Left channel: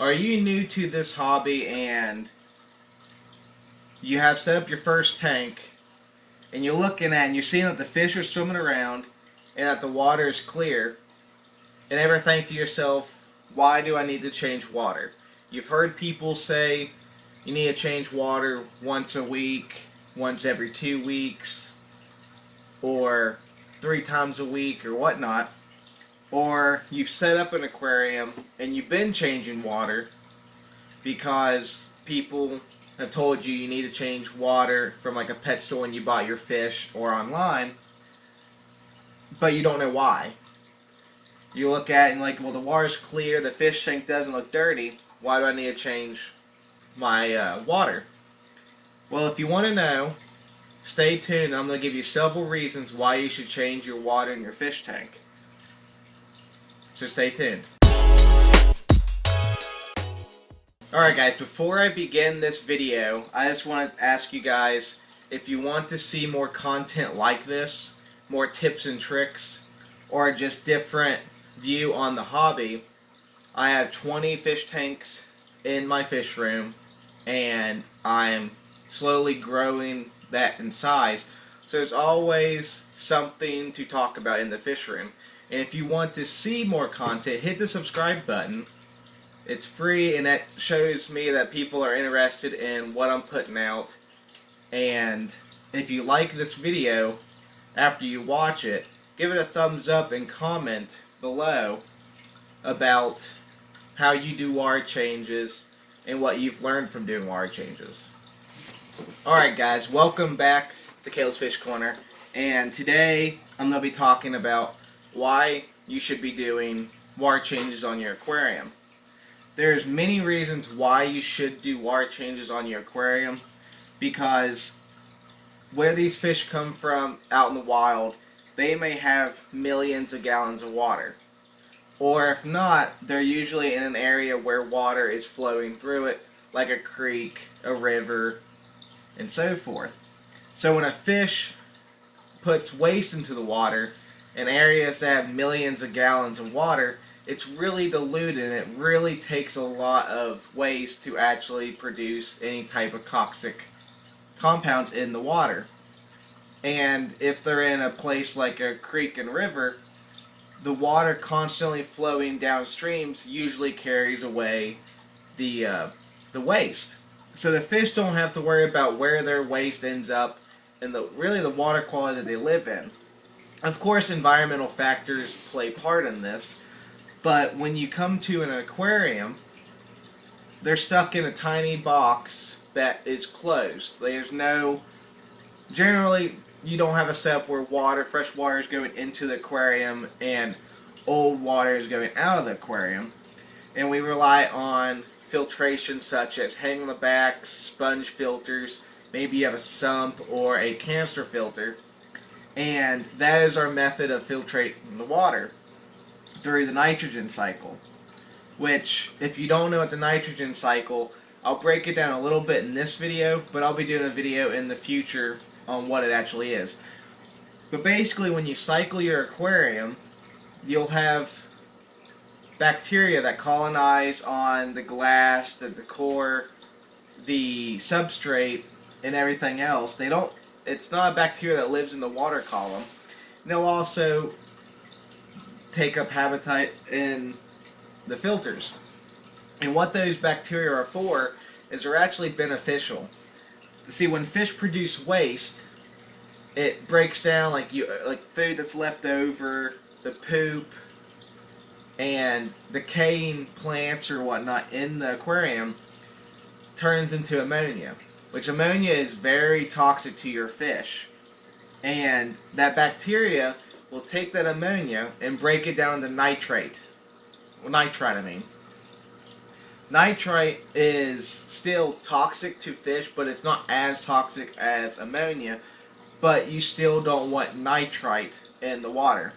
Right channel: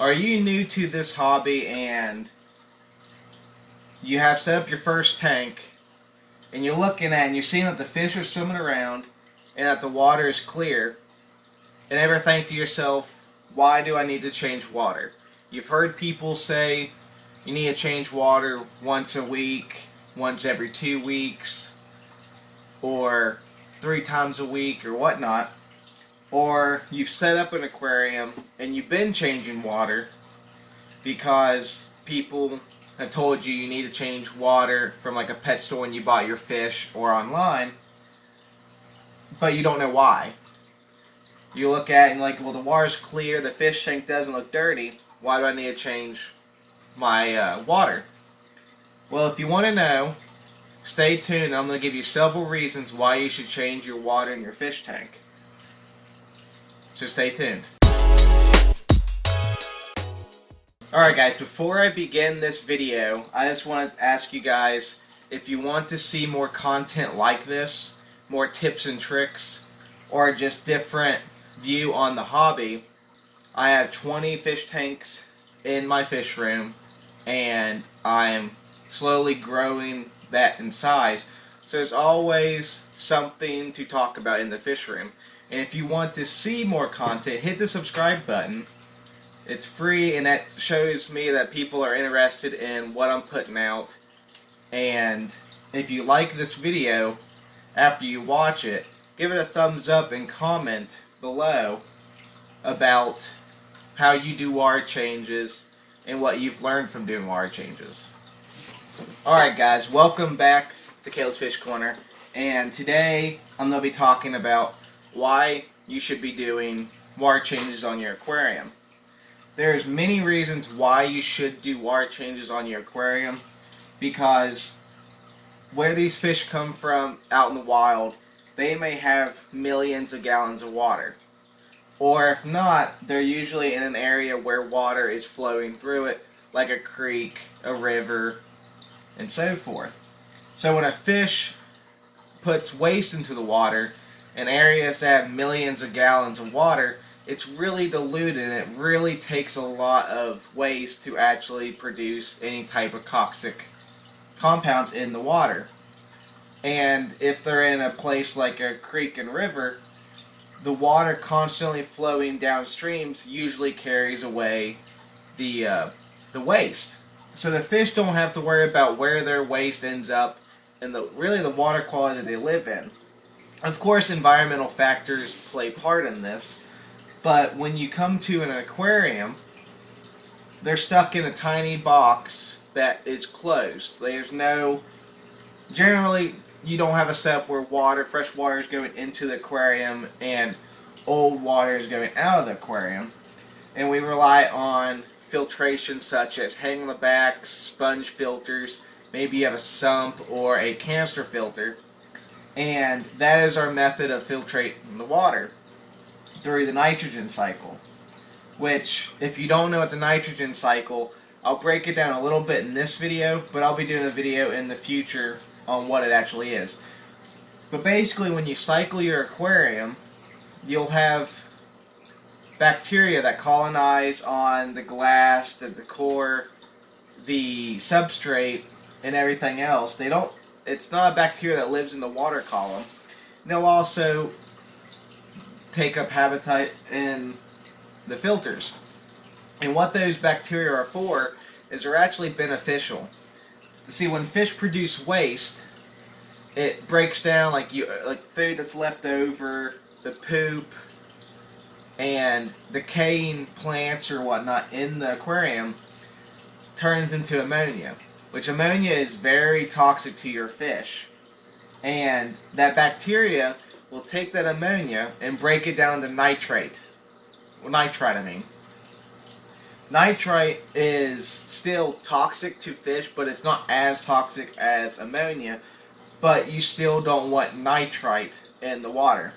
Are you new to this hobby and you have set up your first tank and you're looking at and you're seeing that the fish are swimming around and that the water is clear, and ever think to yourself, why do I need to change water? You've heard people say you need to change water once a week, once every 2 weeks, or 3 times a week, or whatnot. Or you've set up an aquarium and you've been changing water because people have told you you need to change water from like a pet store when you bought your fish or online, but you don't know why. You look at it and like, well, the water's clear, the fish tank doesn't look dirty. Why do I need to change my water? Well, if you want to know, stay tuned. I'm going to give you several reasons why you should change your water in your fish tank. So stay tuned. Alright guys, before I begin this video, I just want to ask you guys if you want to see more content like this, more tips and tricks, or just different view on the hobby. I have 20 fish tanks in my fish room and I'm slowly growing that in size, so there's always something to talk about in the fish room. And if you want to see more content, hit the subscribe button. It's free and that shows me that people are interested in what I'm putting out. And if you like this video after you watch it, give it a thumbs up and comment below about how you do water changes and what you've learned from doing water changes. Alright guys, welcome back to Caleb's Fish Corner, and today I'm going to be talking about why you should be doing water changes on your aquarium. There's many reasons why you should do water changes on your aquarium, because where these fish come from out in the wild, they may have millions of gallons of water. Or if not, they're usually in an area where water is flowing through it, like a creek, a river, and so forth. So when a fish puts waste into the water in areas that have millions of gallons of water, it's really diluted and it really takes a lot of waste to actually produce any type of toxic compounds in the water. And if they're in a place like a creek and river, the water constantly flowing downstreams usually carries away the waste. So the fish don't have to worry about where their waste ends up and really the water quality that they live in. Of course, environmental factors play part in this, but when you come to an aquarium, they're stuck in a tiny box that is closed. Generally, you don't have a setup where fresh water is going into the aquarium and old water is going out of the aquarium. And we rely on filtration such as hang on the back, sponge filters, maybe you have a sump or a canister filter. And that is our method of filtrating the water through the nitrogen cycle. Which, if you don't know what the nitrogen cycle, I'll break it down a little bit in this video, but I'll be doing a video in the future on what it actually is. But basically, when you cycle your aquarium, you'll have bacteria that colonize on the glass, the decor, the substrate, and everything else. It's not a bacteria that lives in the water column. And they'll also take up habitat in the filters. And what those bacteria are for is they're actually beneficial. See, when fish produce waste, it breaks down like food that's left over, the poop, and decaying plants or whatnot in the aquarium turns into ammonia, which ammonia is very toxic to your fish. And that bacteria will take that ammonia and break it down into nitrite. Nitrite is still toxic to fish, but it's not as toxic as ammonia, but you still don't want nitrite in the water.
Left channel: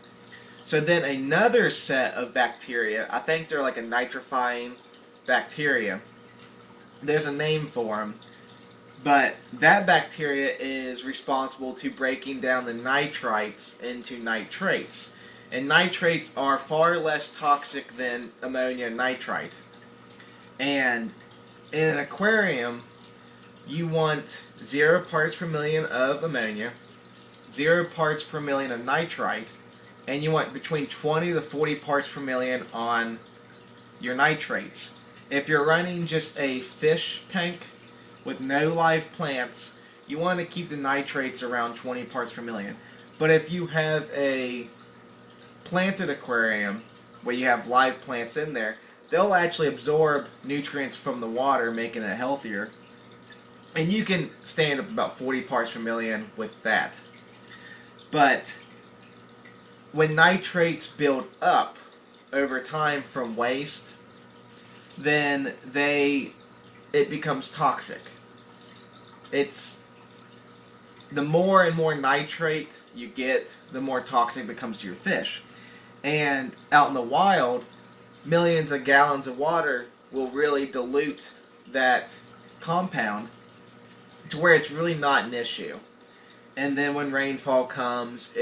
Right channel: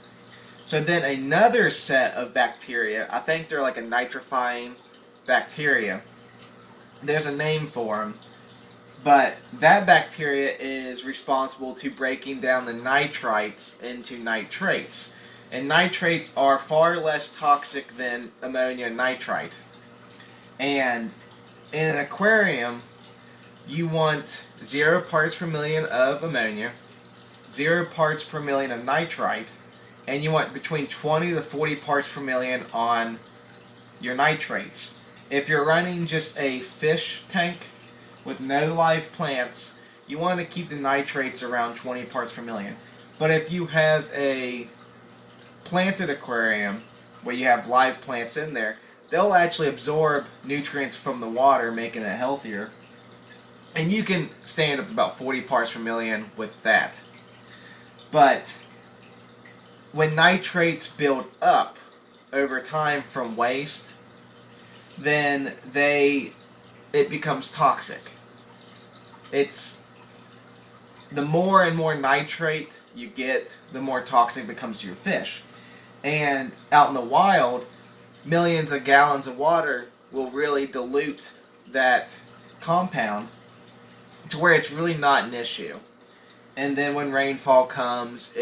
So then another set of bacteria, I think they're like a nitrifying bacteria, there's a name for them, but that bacteria is responsible to breaking down the nitrites into nitrates. And nitrates are far less toxic than ammonia and nitrite. And in an aquarium, you want 0 parts per million of ammonia, 0 parts per million of nitrite, and you want between 20 to 40 parts per million on your nitrates. If you're running just a fish tank with no live plants, you want to keep the nitrates around 20 parts per million. But if you have a planted aquarium where you have live plants in there, they'll actually absorb nutrients from the water, making it healthier. And you can stand up about 40 parts per million with that. But when nitrates build up over time from waste, then it becomes toxic. It's the more and more nitrate you get, the more toxic it becomes to your fish. And out in the wild, millions of gallons of water will really dilute that compound to where it's really not an issue. And then when rainfall comes,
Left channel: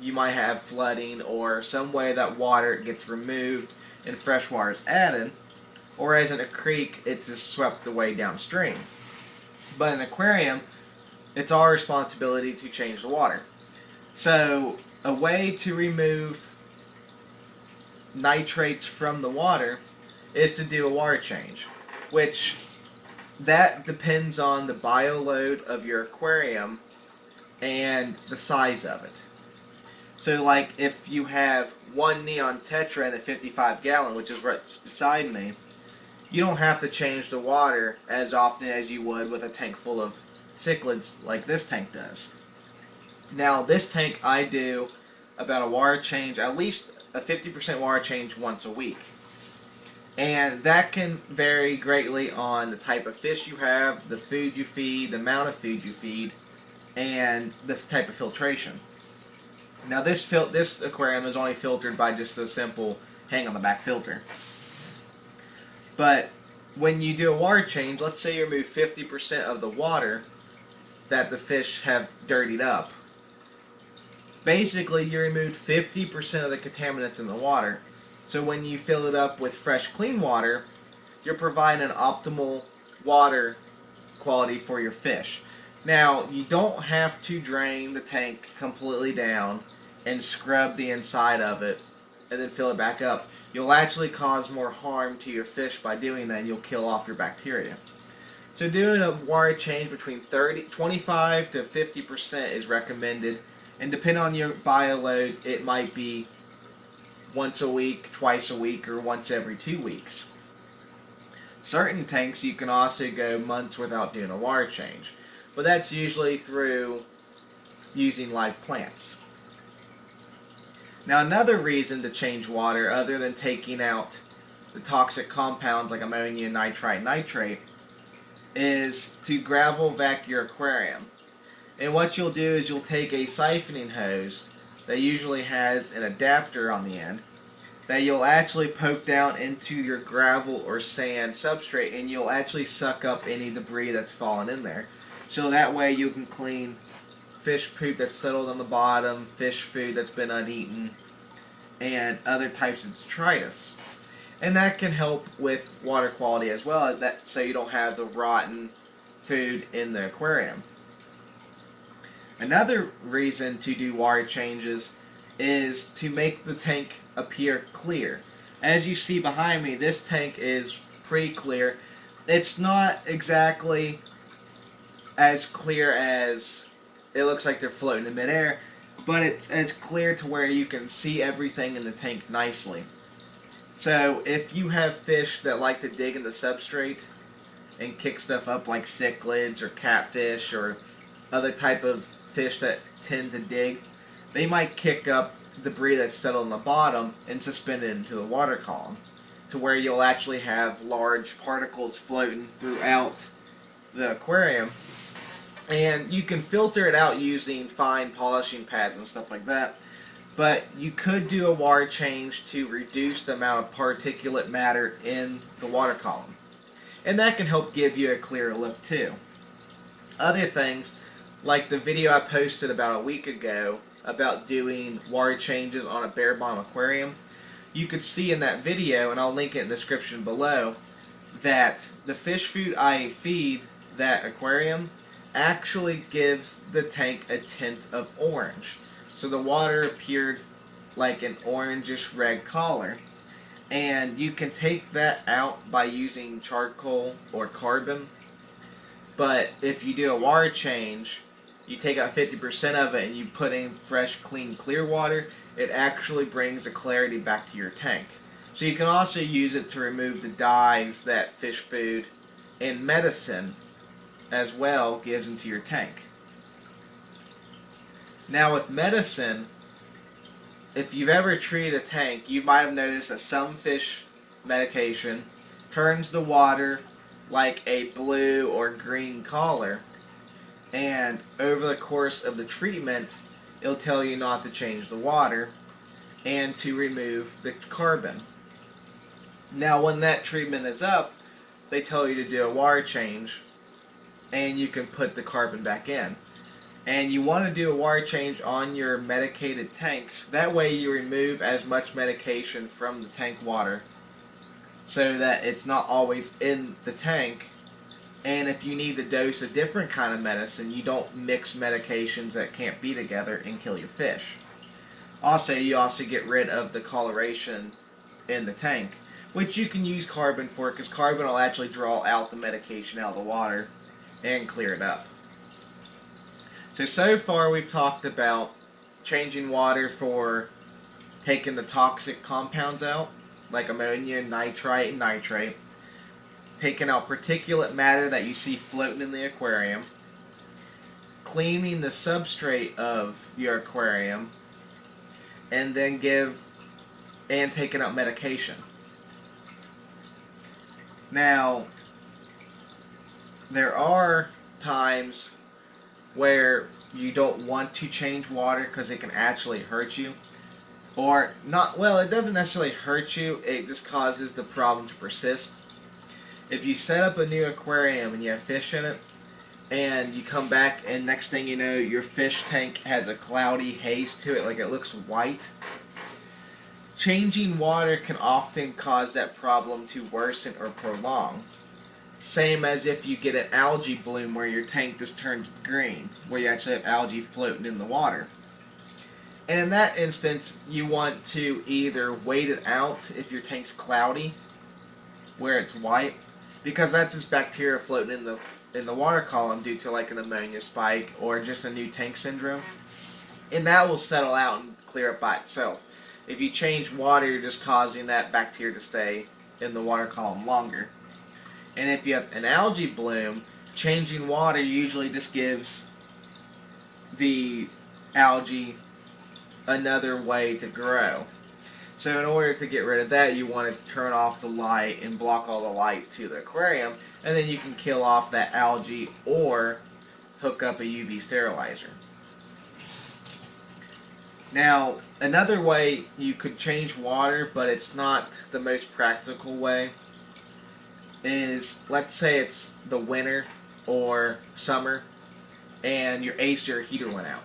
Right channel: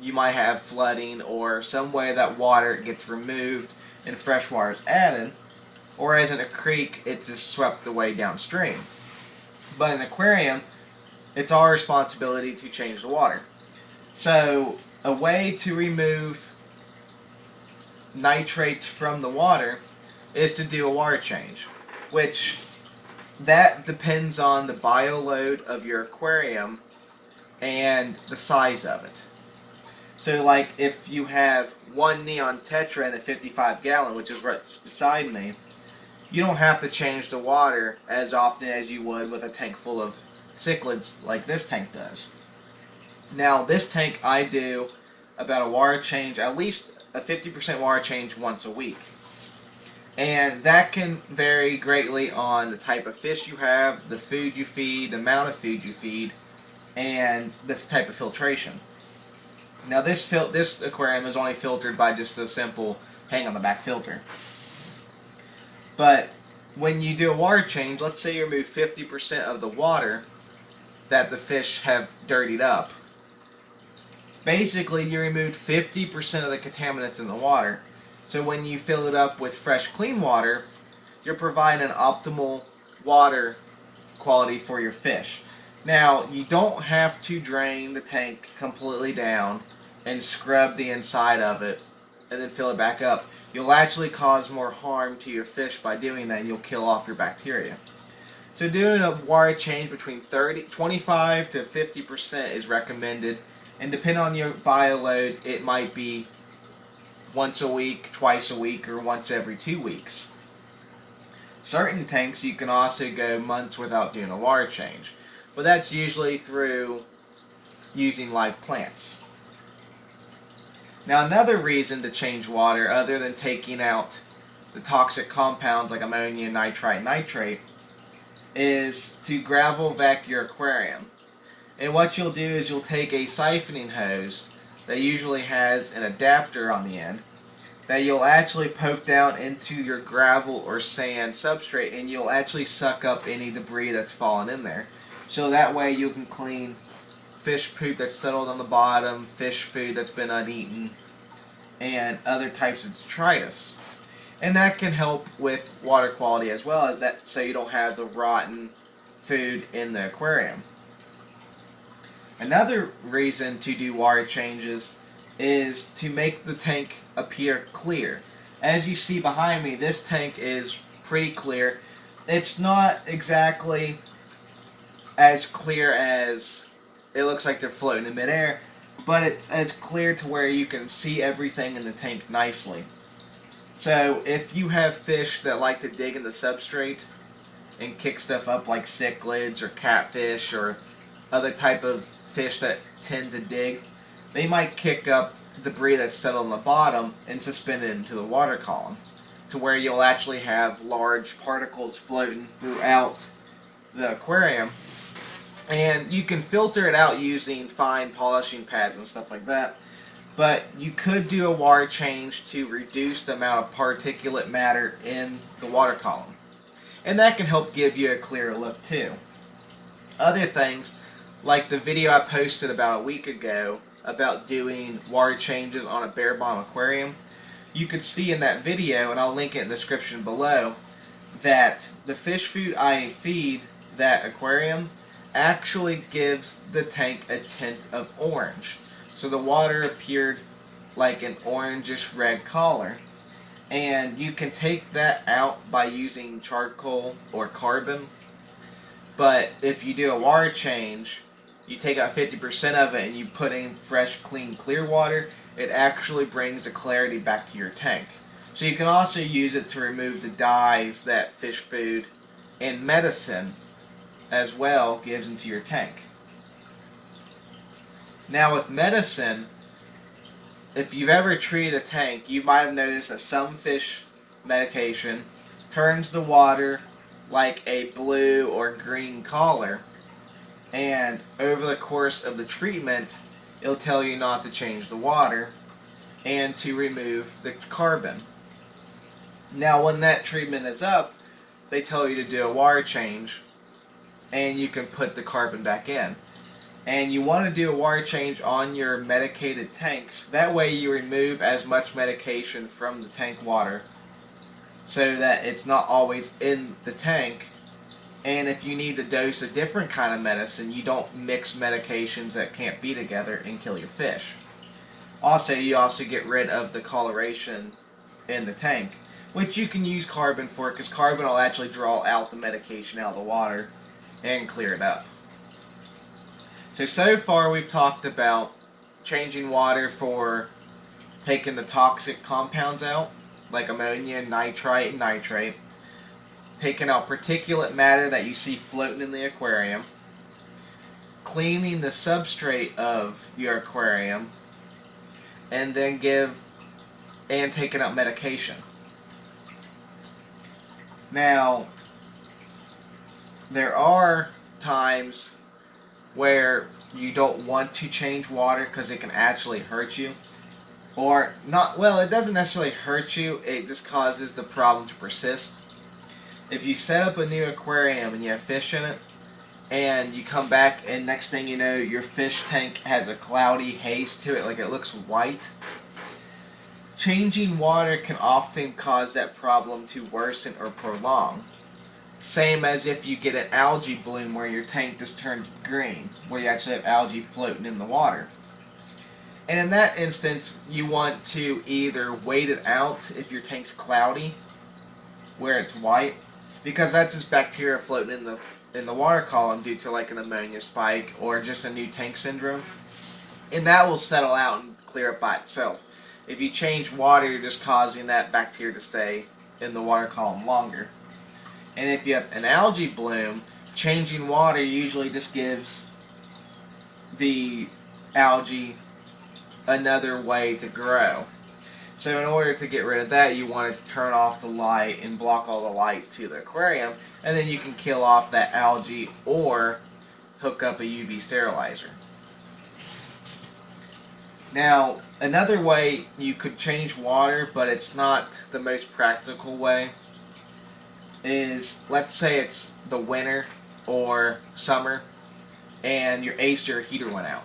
you might have flooding or some way that water gets removed and fresh water is added, or as in a creek, it's just swept away downstream. But in an aquarium, it's our responsibility to change the water. So a way to remove nitrates from the water is to do a water change, which that depends on the bioload of your aquarium and the size of it. So like if you have one neon tetra in a 55 gallon, which is what's beside me, you don't have to change the water as often as you would with a tank full of cichlids like this tank does. Now this tank, I do about a water change, at least a 50% water change once a week. And that can vary greatly on the type of fish you have, the food you feed, the amount of food you feed, and the type of filtration. Now this aquarium is only filtered by just a simple hang on the back filter. But when you do a water change, let's say you remove 50% of the water that the fish have dirtied up. Basically, you removed 50% of the contaminants in the water. So when you fill it up with fresh, clean water, you're providing an optimal water quality for your fish. Now, you don't have to drain the tank completely down and scrub the inside of it and then fill it back up. You'll actually cause more harm to your fish by doing that, and you'll kill off your bacteria. So doing a water change between 25 to 50% is recommended, and depending on your bioload, it might be once a week, twice a week, or once every 2 weeks. Certain tanks you can also go months without doing a water change, but that's usually through using live plants. Now another reason to change water, other than taking out the toxic compounds like ammonia, nitrite, nitrate, is to gravel vac your aquarium. And what you'll do is you'll take a siphoning hose that usually has an adapter on the end that you'll actually poke down into your gravel or sand substrate, and you'll actually suck up any debris that's fallen in there. So that way you can clean fish poop that's settled on the bottom, fish food that's been uneaten, and other types of detritus. And that can help with water quality as well, so you don't have the rotten food in the aquarium. Another reason to do water changes is to make the tank appear clear. As you see behind me, this tank is pretty clear. It's not exactly as clear as it looks like they're floating in midair, but it's clear to where you can see everything in the tank nicely. So if you have fish that like to dig in the substrate and kick stuff up like cichlids or catfish or other type of fish that tend to dig, they might kick up debris that's settled on the bottom and suspend it into the water column, to where you'll actually have large particles floating throughout the aquarium. And you can filter it out using fine polishing pads and stuff like that. But you could do a water change to reduce the amount of particulate matter in the water column. And that can help give you a clearer look too. Other things, like the video I posted about a week ago about doing water changes on a bare bottom aquarium, you could see in that video, and I'll link it in the description below, that the fish food I feed that aquarium actually gives the tank a tint of orange. So the water appeared like an orangish red color. And you can take that out by using charcoal or carbon. But if you do a water change, you take out 50% of it and you put in fresh, clean, clear water, it actually brings the clarity back to your tank. So you can also use it to remove the dyes that fish food and medicine as well gives into your tank. Now with medicine, if you've ever treated a tank, you might have noticed that some fish medication turns the water like a blue or green color, and over the course of the treatment, it'll tell you not to change the water and to remove the carbon. Now, when that treatment is up, they tell you to do a water change, and you can put the carbon back in. And you want to do a water change on your medicated tanks. That way you remove as much medication from the tank water so that it's not always in the tank. And if you need to dose a different kind of medicine, you don't mix medications that can't be together and kill your fish. Also, you also get rid of the coloration in the tank, which you can use carbon for, because carbon will actually draw out the medication out of the water and clear it up. So far we've talked about changing water for taking the toxic compounds out, like ammonia, nitrite, and nitrate, taking out particulate matter that you see floating in the aquarium, cleaning the substrate of your aquarium, and then taking out medication. Now, there are times where you don't want to change water because it can actually hurt you. Or not, well, it doesn't necessarily hurt you, it just causes the problem to persist. If you set up a new aquarium and you have fish in it, and you come back and next thing you know, your fish tank has a cloudy haze to it, like it looks white, changing water can often cause that problem to worsen or prolong. Same as if you get an algae bloom where your tank just turns green, where you actually have algae floating in the water. And in that instance, you want to either wait it out if your tank's cloudy, where it's white, because that's just bacteria floating in the water column due to like an ammonia spike or just a new tank syndrome. And that will settle out and clear up by itself. If you change water, you're just causing that bacteria to stay in the water column longer. And if you have an algae bloom, changing water usually just gives the algae another way to grow. So in order to get rid of that, you want to turn off the light and block all the light to the aquarium, and then you can kill off that algae or hook up a UV sterilizer. Now, another way you could change water, but it's not the most practical way, is, let's say it's the winter or summer and your AC or heater went out.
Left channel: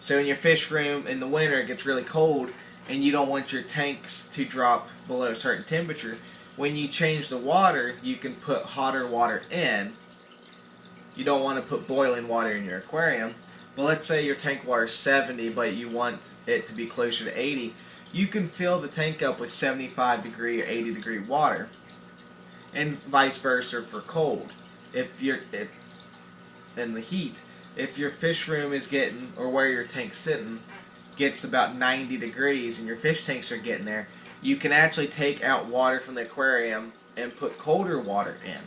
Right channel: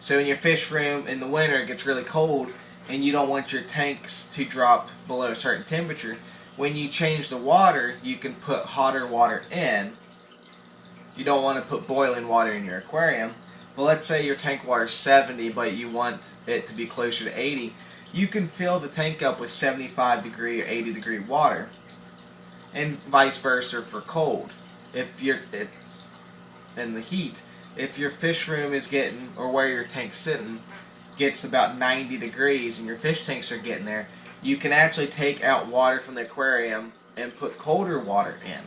So in your fish room in the winter it gets really cold and you don't want your tanks to drop below a certain temperature. When you change the water, you can put hotter water in. You don't want to put boiling water in your aquarium. But let's say your tank water is 70 but you want it to be closer to 80. You can fill the tank up with 75 degree or 80 degree water. And vice versa for cold. If you're in the heat, if your fish room is getting, or where your tank's sitting, gets about 90 degrees and your fish tanks are getting there, you can actually take out water from the aquarium and put colder water in.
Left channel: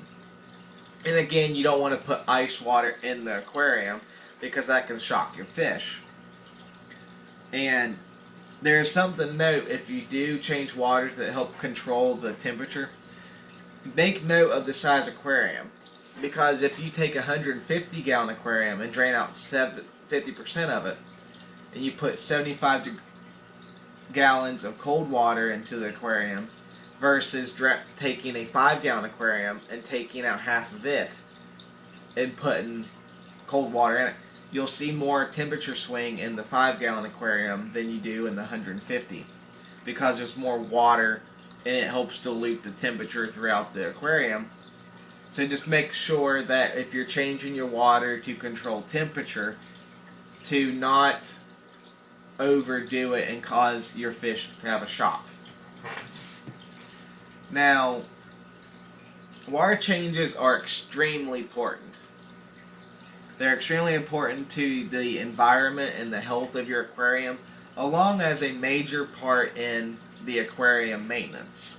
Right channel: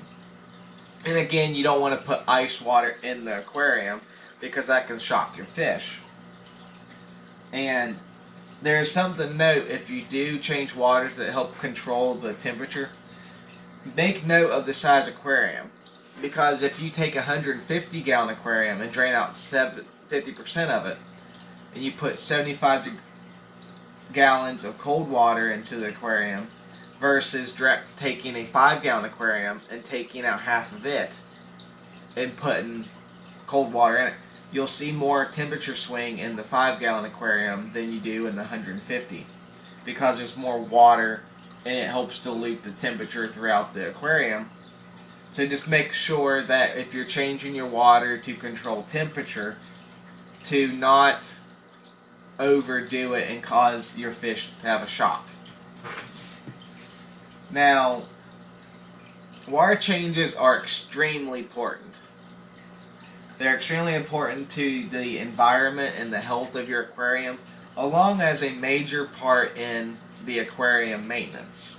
And again, you don't want to put ice water in the aquarium because that can shock your fish. And there's something to note, if you do change waters that help control the temperature, make note of the size aquarium, because if you take a 150 gallon aquarium and drain out 50% of it, and you put 75 gallons of cold water into the aquarium versus taking a 5 gallon aquarium and taking out half of it and putting cold water in it, you'll see more temperature swing in the 5 gallon aquarium than you do in the 150, because there's more water and it helps dilute the temperature throughout the aquarium. So just make sure that if you're changing your water to control temperature, to not overdo it and cause your fish to have a shock. Now, water changes are extremely important. They're extremely important to the environment and the health of your aquarium, along as a major part in the aquarium maintenance.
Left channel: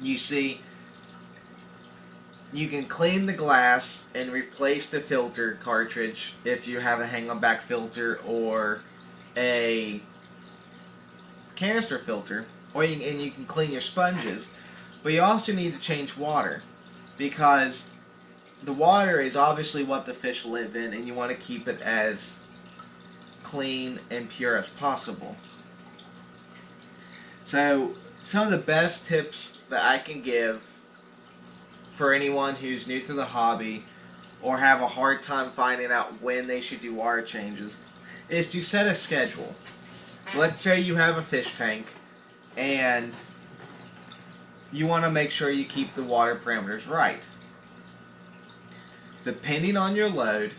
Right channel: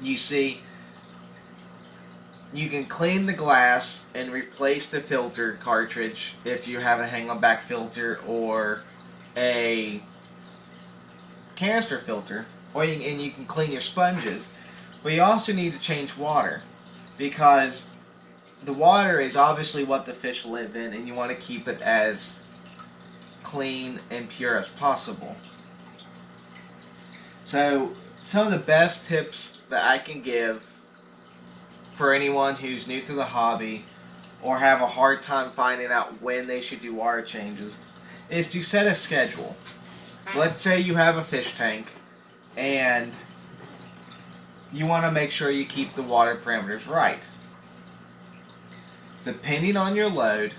You see, you can clean the glass and replace the filter cartridge if you have a hang-on-back filter or a canister filter, and you can clean your sponges, but you also need to change water, because the water is obviously what the fish live in, and you want to keep it as clean and pure as possible. So some of the best tips that I can give for anyone who's new to the hobby or have a hard time finding out when they should do water changes is to set a schedule. Let's say you have a fish tank and you want to make sure you keep the water parameters right. Depending on your load,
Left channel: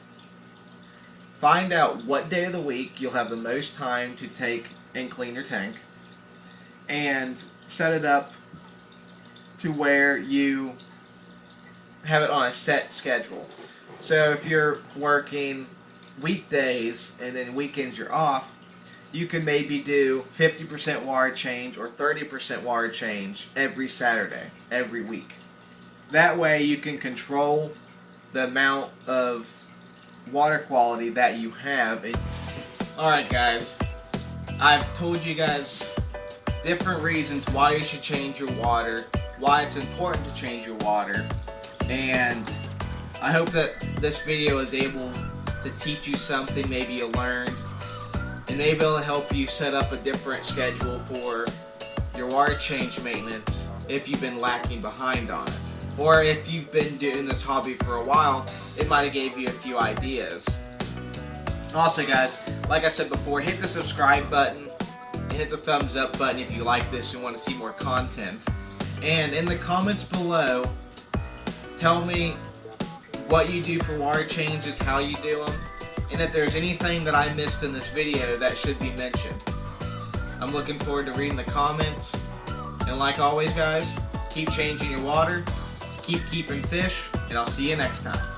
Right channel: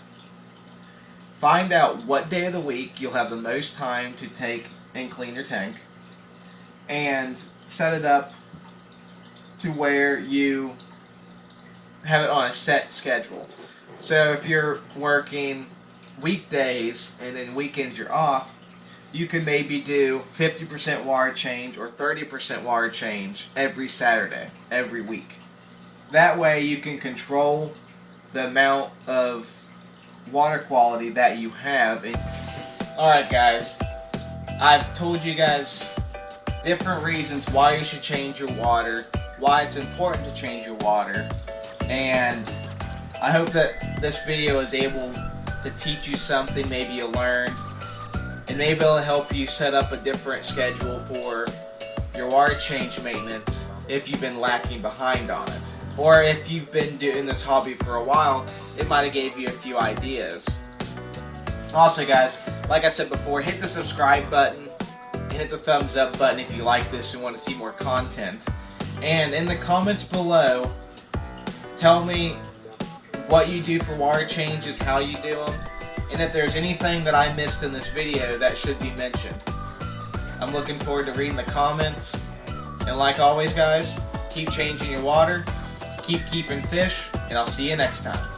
find out what day of the week you'll have the most time to take and clean your tank, and set it up to where you have it on a set schedule. So if you're working weekdays and then weekends you're off, you can maybe do 50% water change or 30% water change every Saturday, every week. That way you can control the amount of water quality that you have. Alright guys, I've told you guys different reasons why you should change your water, why it's important to change your water, and I hope that this video is able to teach you something maybe you learned, and maybe it'll help you set up a different schedule for your water change maintenance if you've been lacking behind on it. Or if you've been doing this hobby for a while, it might have gave you a few ideas. Also guys, like I said before, hit the subscribe button and hit the thumbs up button if you like this and want to see more content. And in the comments below, tell me what you do for water changes, how you do them, and if there's anything that I missed in this video that should be mentioned. I'm looking forward to reading the comments, and like always guys, keep changing your water, keep keeping fish, and I'll see you next time.